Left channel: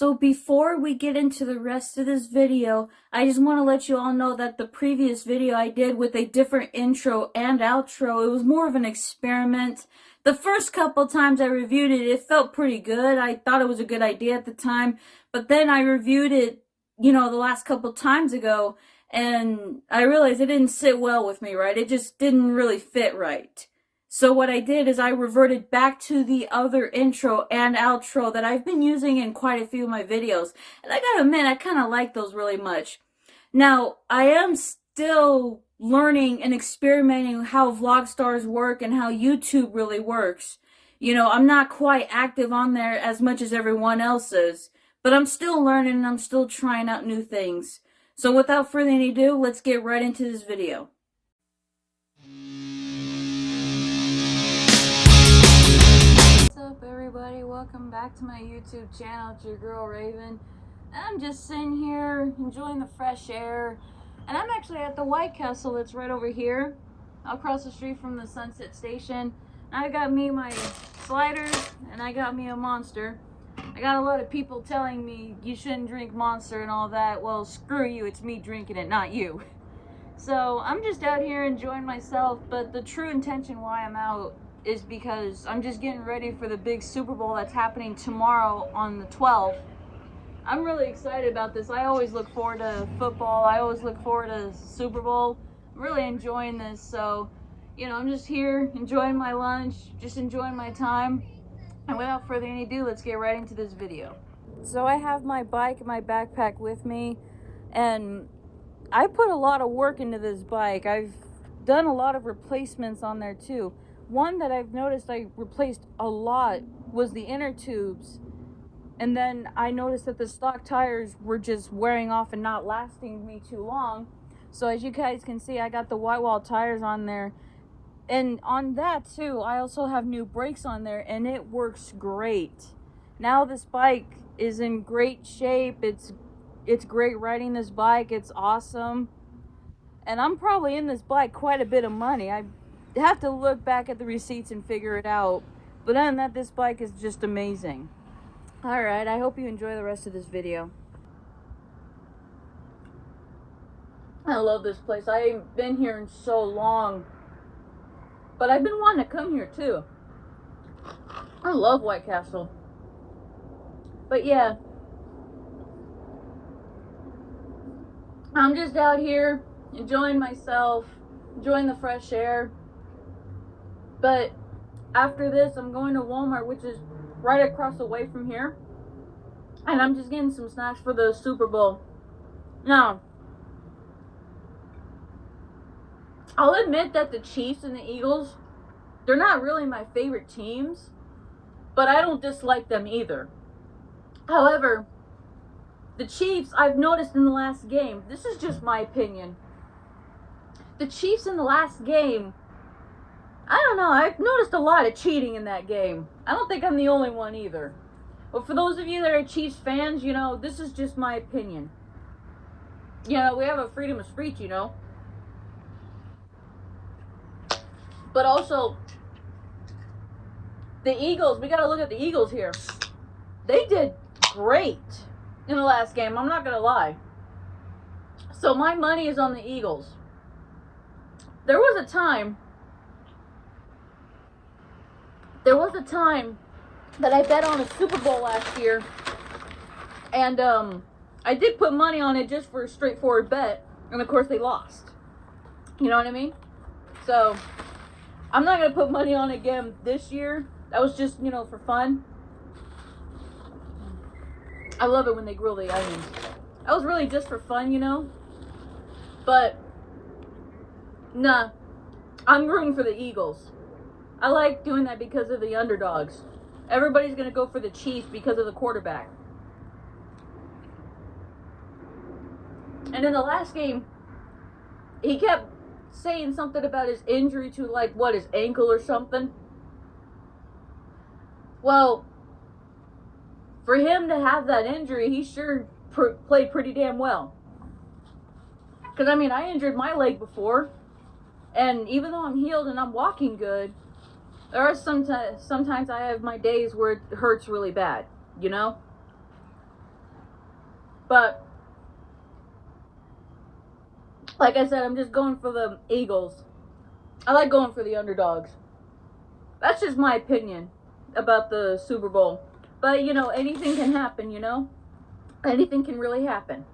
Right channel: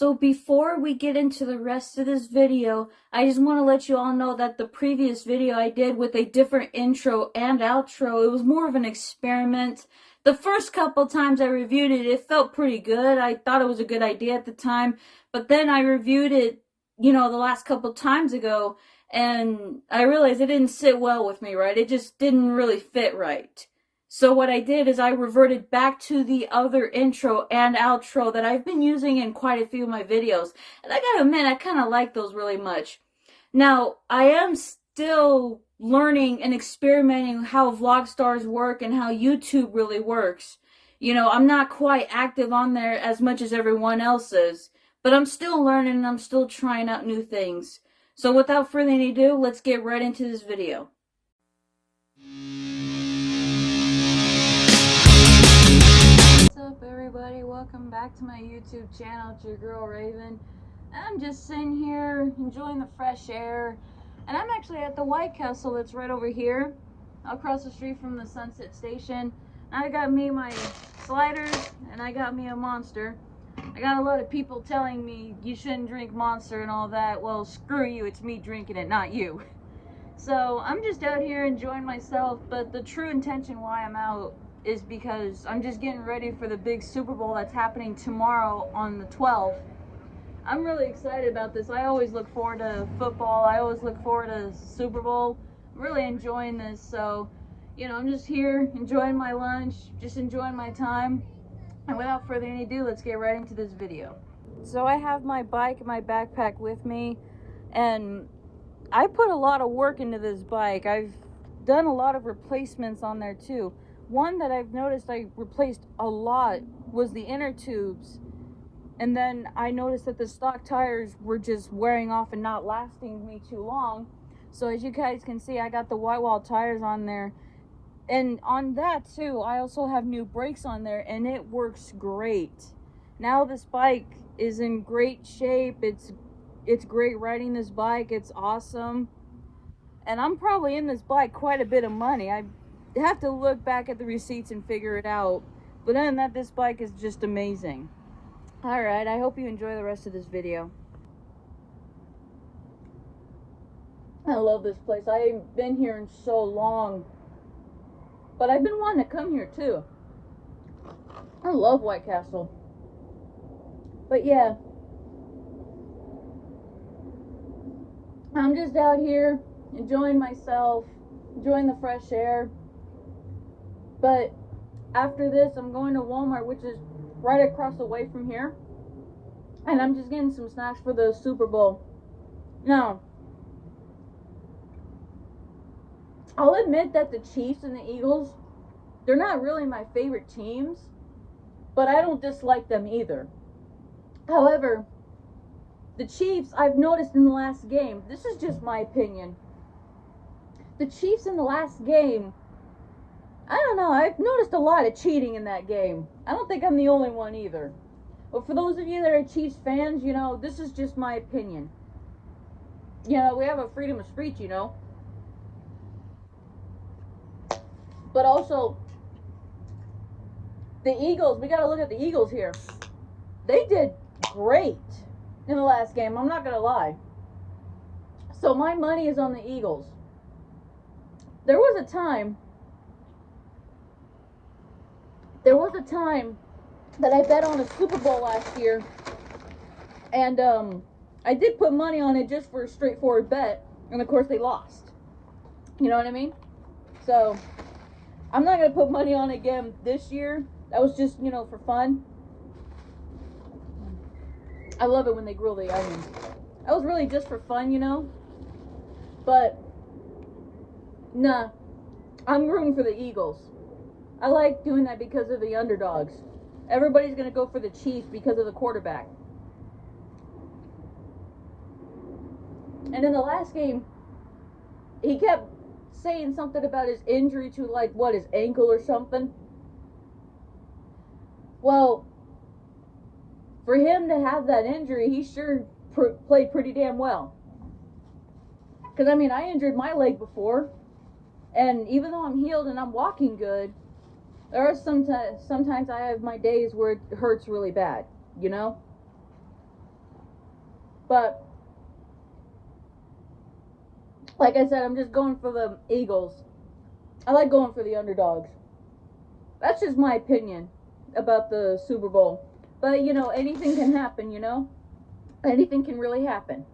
So before we get into the rest of this video, I just want to let you all know that the previous video I did with a different intro and outro, it was more of an experiment. The first couple times I reviewed it, it felt pretty good. I thought it was a good idea at the time, but then I reviewed it, the last couple times ago, and I realized it didn't sit well with me, right? It just didn't really fit right. So what I did is I reverted back to the other intro and outro that I've been using in quite a few of my videos. And I gotta admit, I kind of like those really much. Now, I am still learning and experimenting how Vlogstars work and how YouTube really works. I'm not quite active on there as much as everyone else is. But I'm still learning and I'm still trying out new things. So without further ado, let's get right into this video. Everybody, welcome back to my YouTube channel. It's your girl Raven. I'm just sitting here enjoying the fresh air, and I'm actually at the White Castle that's right over here across the street from the Sunset Station. I got me my sliders and I got me a Monster. I got a lot of people telling me you shouldn't drink Monster and all that. Well, screw you, it's me drinking it, not you. So I'm just out here enjoying myself, but the true intention why I'm out is because I'm just getting ready for the big Super Bowl that's happening tomorrow on the 12th. I'm really excited about this. I always look forward to football. I always look forward to Super Bowl. I'm really enjoying this. So, I'm just here enjoying my lunch, just enjoying my time. And without further ado, let's get right into this video. So I have my bike and my backpack with me, and I put a lot of work into this bike. I've done a lot of replacements on there too. One that I've noticed I replaced a lot was the inner tubes. And then I noticed that the stock tires were just wearing off and not lasting me too long. So as you guys can see, I got the white wall tires on there. And on that too, I also have new brakes on there, and it works great. Now this bike is in great shape. It's great riding this bike. It's awesome. And I'm probably in this bike quite a bit of money. I have to look back at the receipts and figure it out, but other than that, this bike is just amazing. All right, I hope you enjoy the rest of this video. I love this place. I haven't been here in so long, but I've been wanting to come here too. I love White Castle. But yeah, I'm just out here enjoying myself, enjoying the fresh air. But after this, I'm going to Walmart, which is right across the way from here. And I'm just getting some snacks for the Super Bowl. Now, I'll admit that the Chiefs and the Eagles, they're not really my favorite teams, but I don't dislike them either. However, the Chiefs, I've noticed in the last game, this is just my opinion, the Chiefs in the last game, I don't know, I've noticed a lot of cheating in that game. I don't think I'm the only one either. But for those of you that are Chiefs fans, this is just my opinion. We have a freedom of speech, But also, the Eagles, we gotta look at the Eagles here. They did great in the last game, I'm not gonna lie. So my money is on the Eagles. There was a time that I bet on a Super Bowl last year, and I did put money on it just for a straightforward bet, and of course they lost. You know what I mean? So I'm not gonna put money on it again this year. That was just, for fun. I love it when they grill the onions. That was really just for fun, But nah, I'm rooting for the Eagles. I like doing that because of the underdogs. Everybody's going to go for the Chiefs because of the quarterback. And in the last game, he kept saying something about his injury to, his ankle or something. Well, for him to have that injury, he sure played pretty damn well. Because, I injured my leg before. And even though I'm healed and I'm walking good, there are sometimes I have my days where it hurts really bad, But like I said, I'm just going for the Eagles. I like going for the underdogs. That's just my opinion about the Super Bowl. But, you know, anything can happen, you know? Anything can really happen.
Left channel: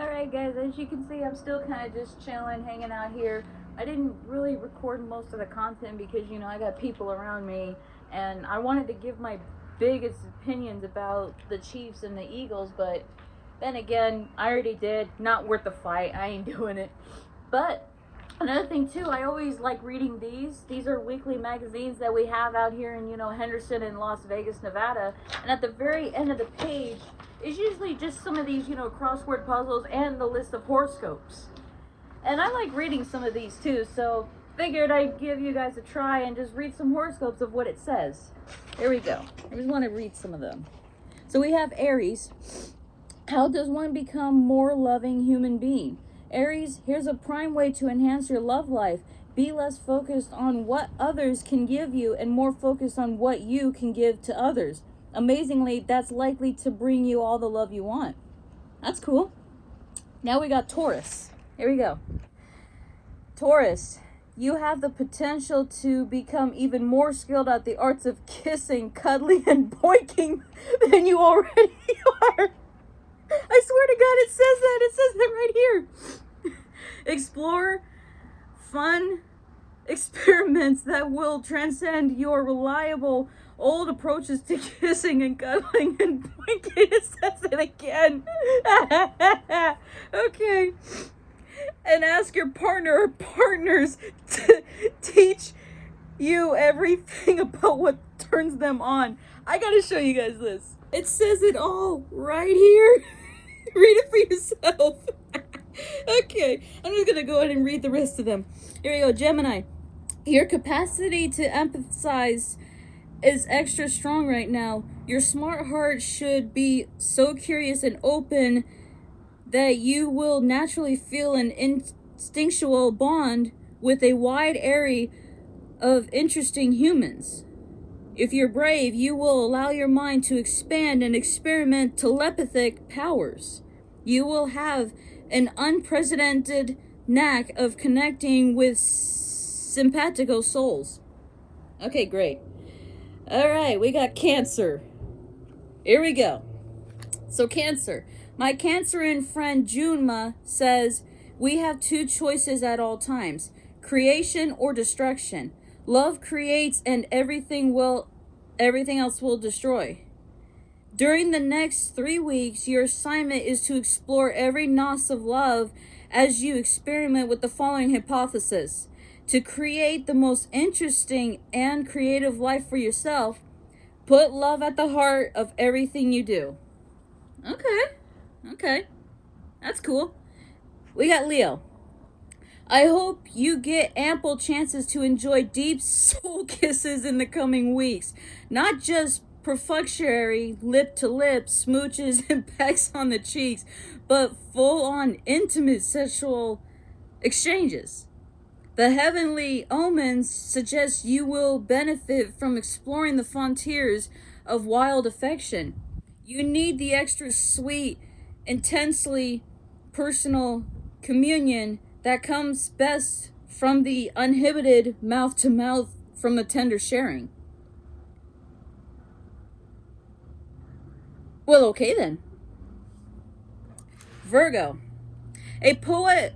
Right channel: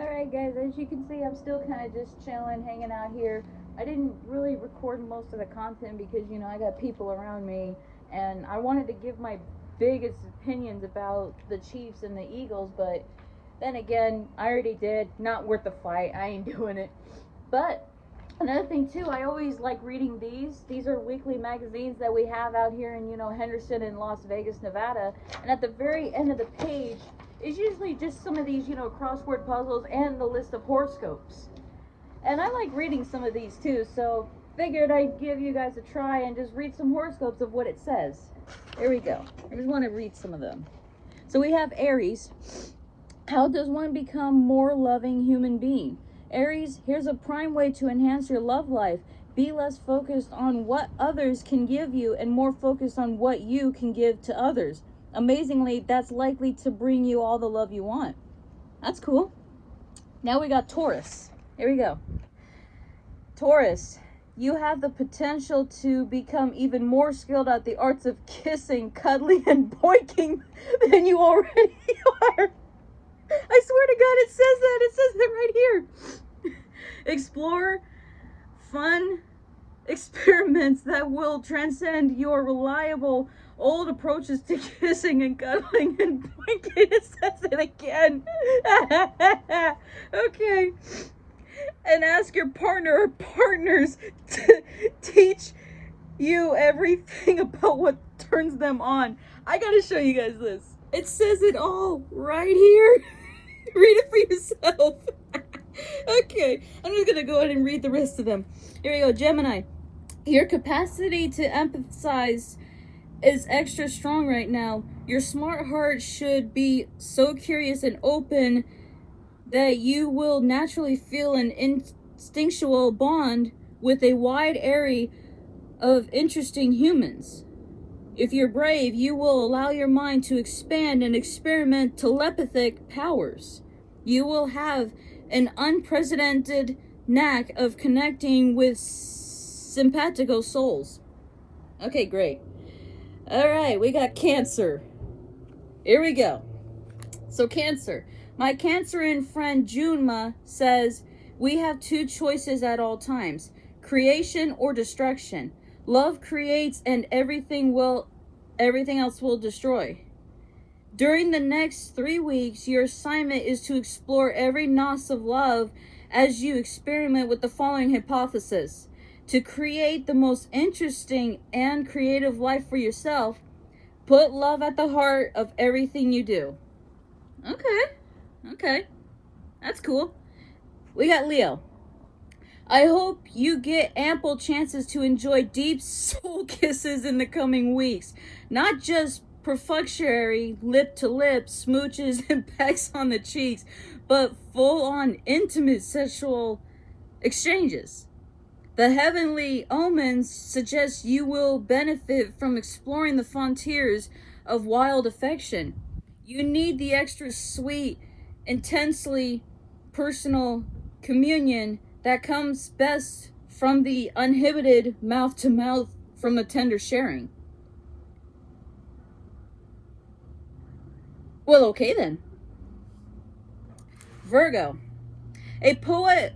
Alright guys, as you can see, I'm still kind of just chilling, hanging out here. I didn't really record most of the content because, you know, I got people around me. And I wanted to give my biggest opinions about the Chiefs and the Eagles. But then again, I already did. Not worth the fight. I ain't doing it. But another thing too, I always like reading these. These are weekly magazines that we have out here in, you know, Henderson and Las Vegas, Nevada. And at the very end of the page is usually just some of these, you know, crossword puzzles and the list of horoscopes. And I like reading some of these too, so figured I'd give you guys a try and just read some horoscopes of what it says. Here we go. I just want to read some of them. So we have Aries. How does one become more loving human being? Aries, here's a prime way to enhance your love life. Be less focused on what others can give you and more focused on what you can give to others. Amazingly, that's likely to bring you all the love you want. That's cool. Now we got Taurus. Here we go. Taurus, you have the potential to become even more skilled at the arts of kissing, cuddling, and boinking than you already are. I swear to God, it says that. It says that right here. Explore fun experiments that will transcend your reliable old approaches to kissing and cuddling and boinking. It says it again. Okay. And ask your partner or partners to teach you everything about what turns them on. I gotta show you guys this. It says it all right here. Read it for yourself. Okay, I'm just gonna go ahead and read the rest of them. Here we go. Gemini, your capacity to empathize is extra strong right now. Your smart heart should be so curious and open that you will naturally feel an instinctual bond with a wide array of interesting humans. If you're brave, you will allow your mind to expand and experiment telepathic powers. You will have an unprecedented knack of connecting with simpatico souls. Okay, great. All right, we got Cancer. Here we go. So Cancer. My Cancerian friend Junma says, we have two choices at all times, creation or destruction. Love creates and everything else will destroy. During the next 3 weeks, your assignment is to explore every notch of love as you experiment with the following hypothesis. To create the most interesting and creative life for yourself, put love at the heart of everything you do. Okay, that's cool. We got Leo. I hope you get ample chances to enjoy deep soul kisses in the coming weeks. Not just perfunctory lip-to-lip smooches and pecks on the cheeks, but full-on intimate sexual exchanges. The heavenly omens suggest you will benefit from exploring the frontiers of wild affection. You need the extra sweet, intensely personal communion that comes best from the uninhibited mouth-to-mouth from the tender sharing. Well, okay then. Virgo. A poet,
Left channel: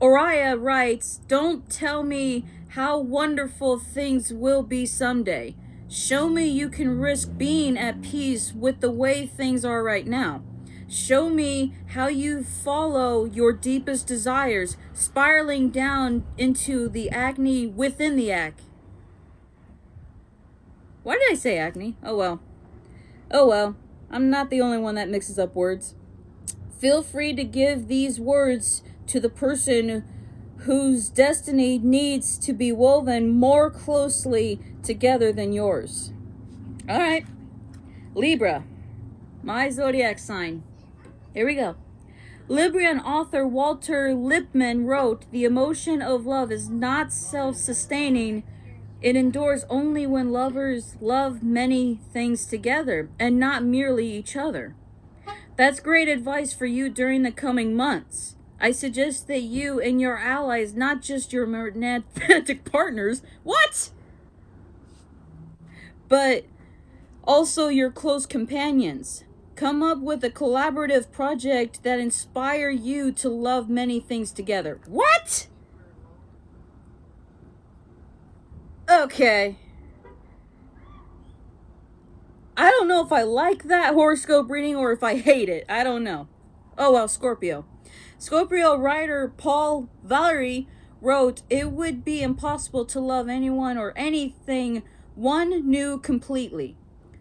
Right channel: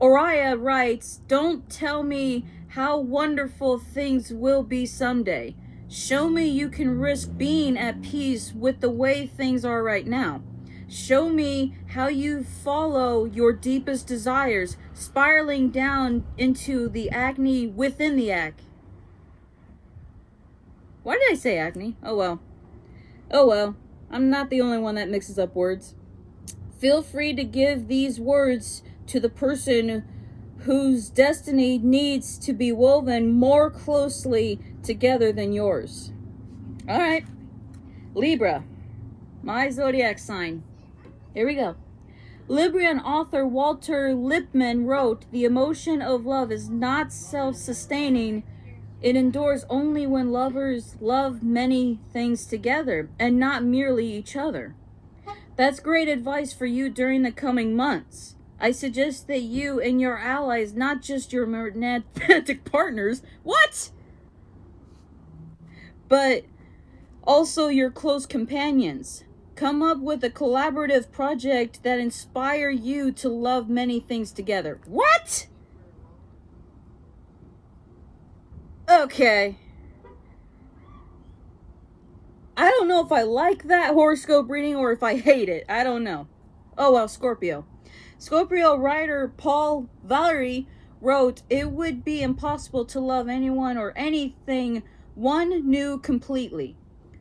Oriah, writes, don't tell me how wonderful things will be someday. Show me you can risk being at peace with the way things are right now. Show me how you follow your deepest desires, spiraling down into the acne within the act. Why did I say acne? Oh well. Oh well. I'm not the only one that mixes up words. Feel free to give these words to the person whose destiny needs to be woven more closely together than yours. All right. Libra, my zodiac sign. Here we go. Liberian author Walter Lippmann wrote, the emotion of love is not self-sustaining, It endures only when lovers love many things together and not merely each other. That's great advice for you during the coming months. I suggest that you and your allies, not just your romantic partners, what? But also your close companions. Come up with a collaborative project that inspire you to love many things together. What? Okay. I don't know if I like that horoscope reading or if I hate it. I don't know. Oh well, Scorpio. Scorpio writer Paul Valery wrote, "It would be impossible to love anyone or anything one knew completely.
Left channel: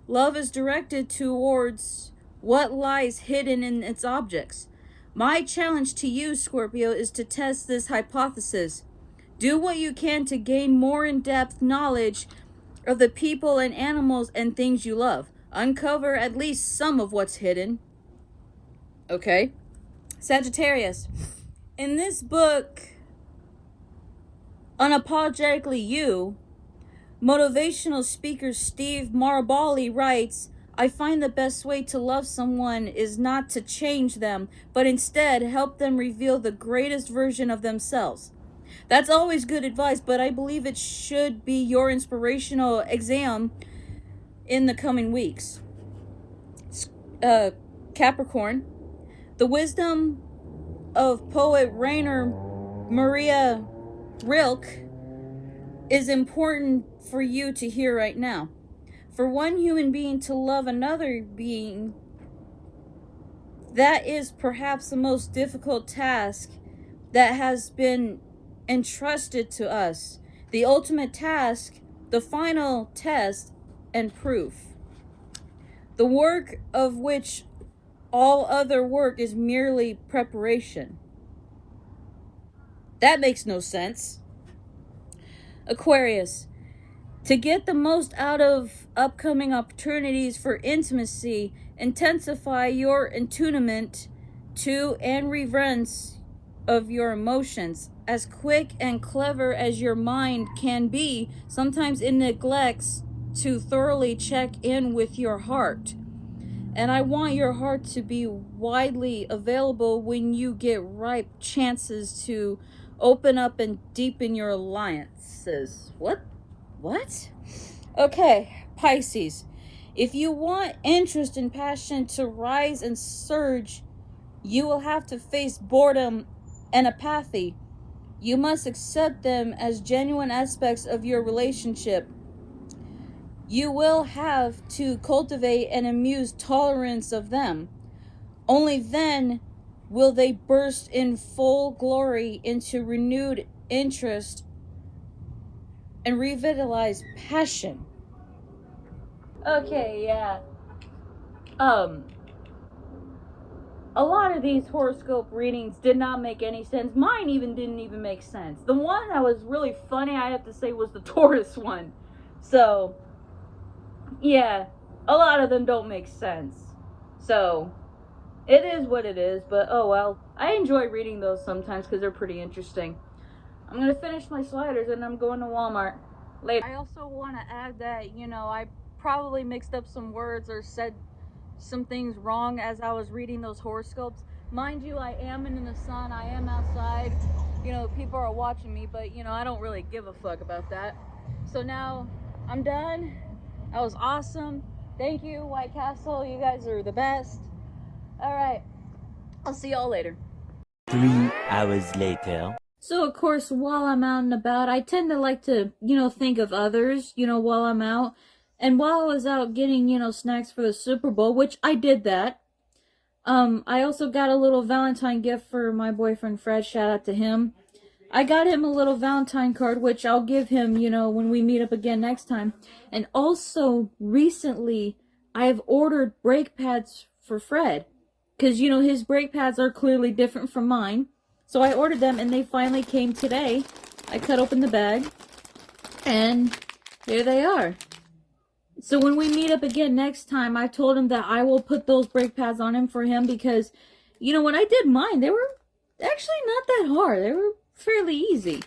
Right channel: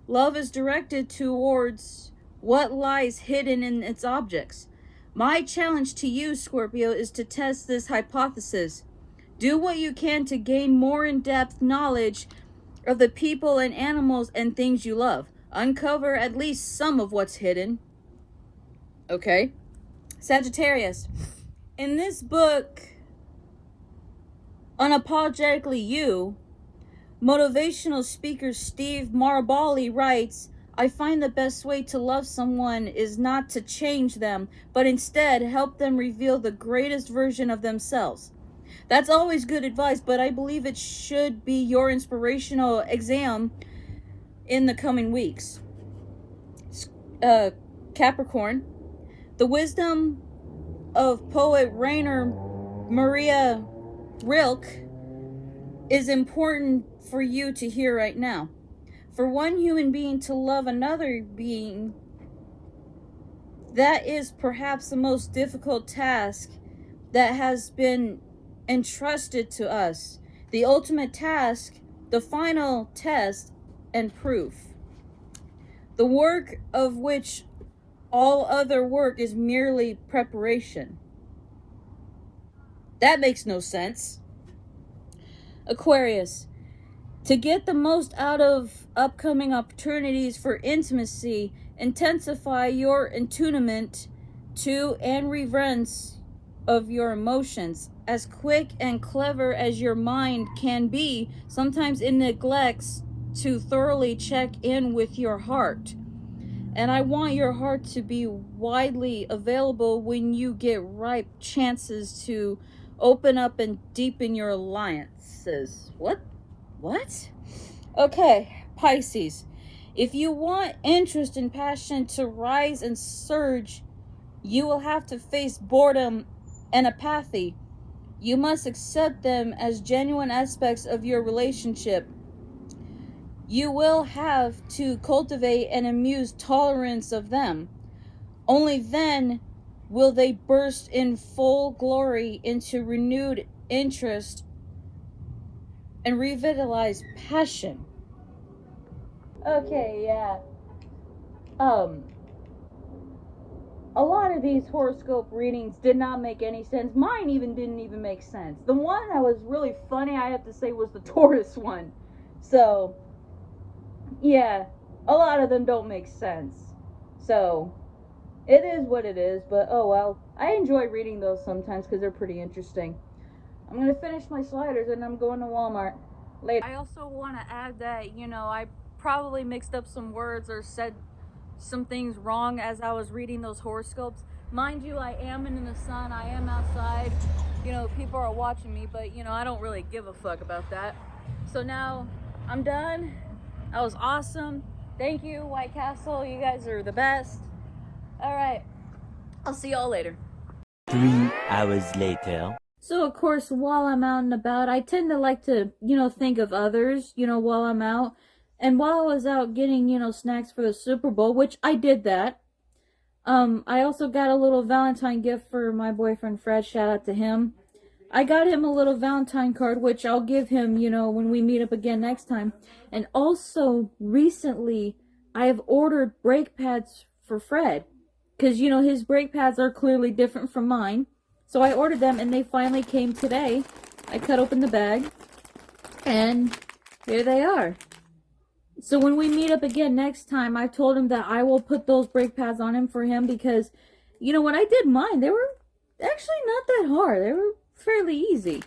Love is directed towards what lies hidden in its objects. My challenge to you, Scorpio, is to test this hypothesis. Do what you can to gain more in-depth knowledge of the people and animals and things you love. Uncover at least some of what's hidden." Okay. Sagittarius. In this book, Unapologetically You, motivational speaker Steve Maraboli writes, "I find the best way to love someone is not to change them, but instead help them reveal the greatest version of themselves." That's always good advice, but I believe it should be your inspirational exam in the coming weeks. Capricorn. The wisdom of poet Rainer Maria Rilke is important for you to hear right now. For one human being to love another being, that is perhaps the most difficult task that has been entrusted to us. The ultimate task, the final test and proof. The work of which all other work is merely preparation. That makes no sense. Aquarius. To get the most out of upcoming opportunities for intimacy, intensify your attunement to and reverence of your emotions. As quick and clever as your mind can be, sometimes it neglects to thoroughly check in with your heart. And I want your heart to be widely available when you get ripe chances to open up and deepen your alliances. What? Okay, Pisces. If you want interest and passion to rise and surge, you will have to face boredom and apathy. You must accept them as genuine aspects of your relationship. You will have to cultivate and amuse tolerance of them. Only then will they burst in full glory into renewed interest and revitalize passion. Okay, yeah. A lot of these horoscope readings did not make any sense. Mine didn't even make sense. The one that was really funny, I have to say, was the Taurus one. So, yeah, a lot of them don't make sense. So, it is what it is, but oh well. I enjoy reading those sometimes because they're pretty interesting. I'm going to finish my sliders and I'm going to Walmart later. I also want to add that, I probably mixed up some words or said some things wrong as I was reading those horoscopes. Mind you, I am in the sun, I am outside, people are watching me, but I don't really give a fuck about that. So now I'm done. That was awesome. Thank you, White Castle. You guys are the best. All right. I'll see y'all later. 3 hours later. So, of course, while I'm out and about, I tend to like to, think of others, while I'm out. And while I was out getting, snacks for the Super Bowl, which I did that, I also got a little Valentine gift for my boyfriend, Fred. Shout out to him. I got him a little Valentine card, which I'll give him, when we meet up again next time. And also, recently, I have ordered brake pads for Fred. Because, his brake pads are clearly different from mine. So I ordered them, and they finally came today. I cut open the bag, and here they are. So when we meet up again next time, I told him that I will put those brake pads on him for him because, when I did mine, they were actually not that hard. They were fairly easy.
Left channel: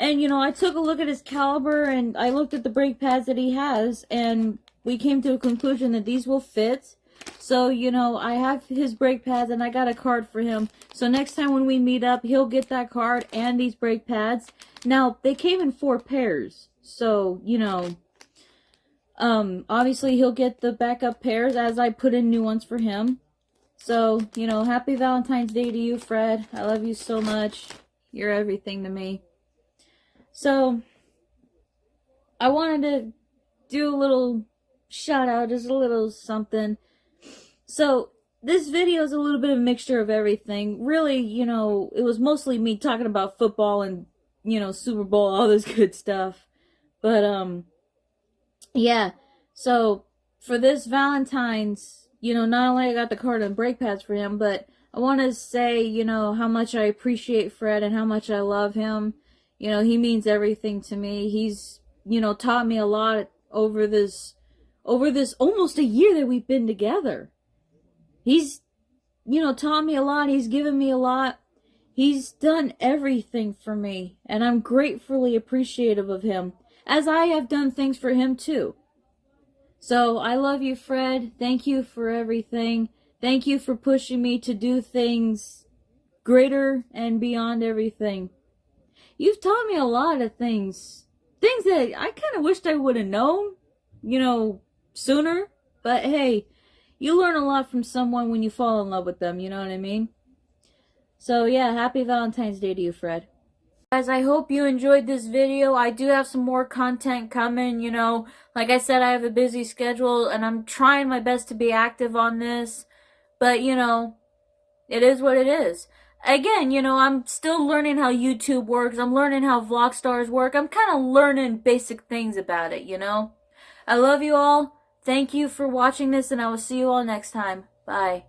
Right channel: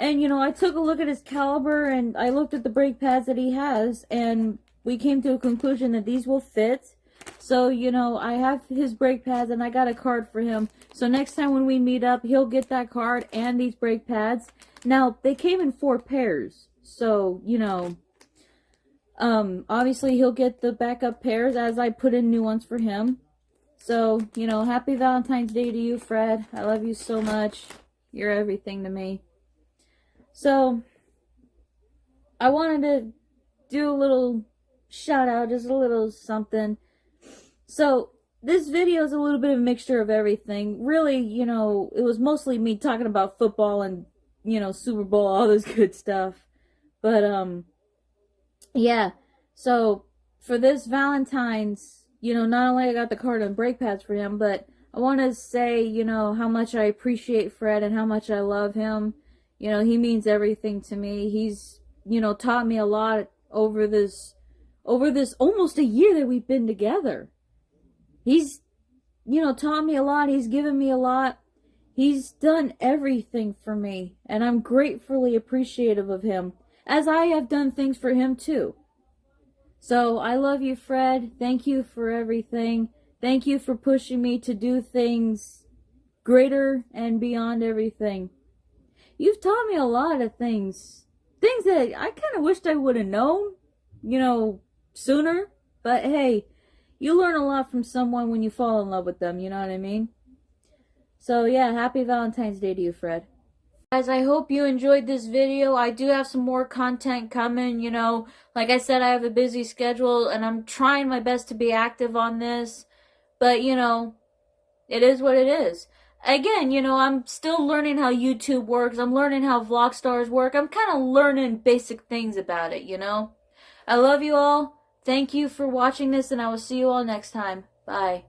And, you know, I took a look at his caliber and I looked at the brake pads that he has, and we came to a conclusion that these will fit. So, you know, I have his brake pads and I got a card for him. So next time when we meet up, he'll get that card and these brake pads. Now, they came in 4 pairs. So, you know, obviously he'll get the backup pairs as I put in new ones for him. So, you know, happy Valentine's Day to you, Fred. I love you so much. You're everything to me. So, I wanted to do a little shout out, just a little something. So, this video is a little bit of a mixture of everything. Really, you know, it was mostly me talking about football and, you know, Super Bowl, all this good stuff. But, yeah. So, for this Valentine's, you know, not only I got the card and brake pads for him, but I want to say, you know, how much I appreciate Fred and how much I love him. You know, he means everything to me. He's, you know, taught me a lot over this almost a year that we've been together. He's, you know, taught me a lot. He's given me a lot. He's done everything for me, and I'm gratefully appreciative of him, as I have done things for him too. So, I love you, Fred. Thank you for everything. Thank you for pushing me to do things greater and beyond everything. You've taught me a lot of things. Things that I kind of wished I would have known, you know, sooner. But hey, you learn a lot from someone when you fall in love with them, you know what I mean? So yeah, happy Valentine's Day to you, Fred. Guys, I hope you enjoyed this video. I do have some more content coming, you know. Like I said, I have a busy schedule, and I'm trying my best to be active on this. But, you know, it is what it is. Again, you know, I'm still learning how YouTube works. I'm learning how Vlogstars work. I'm kind of learning basic things about it, you know. I love you all. Thank you for watching this, and I will see you all next time. Bye.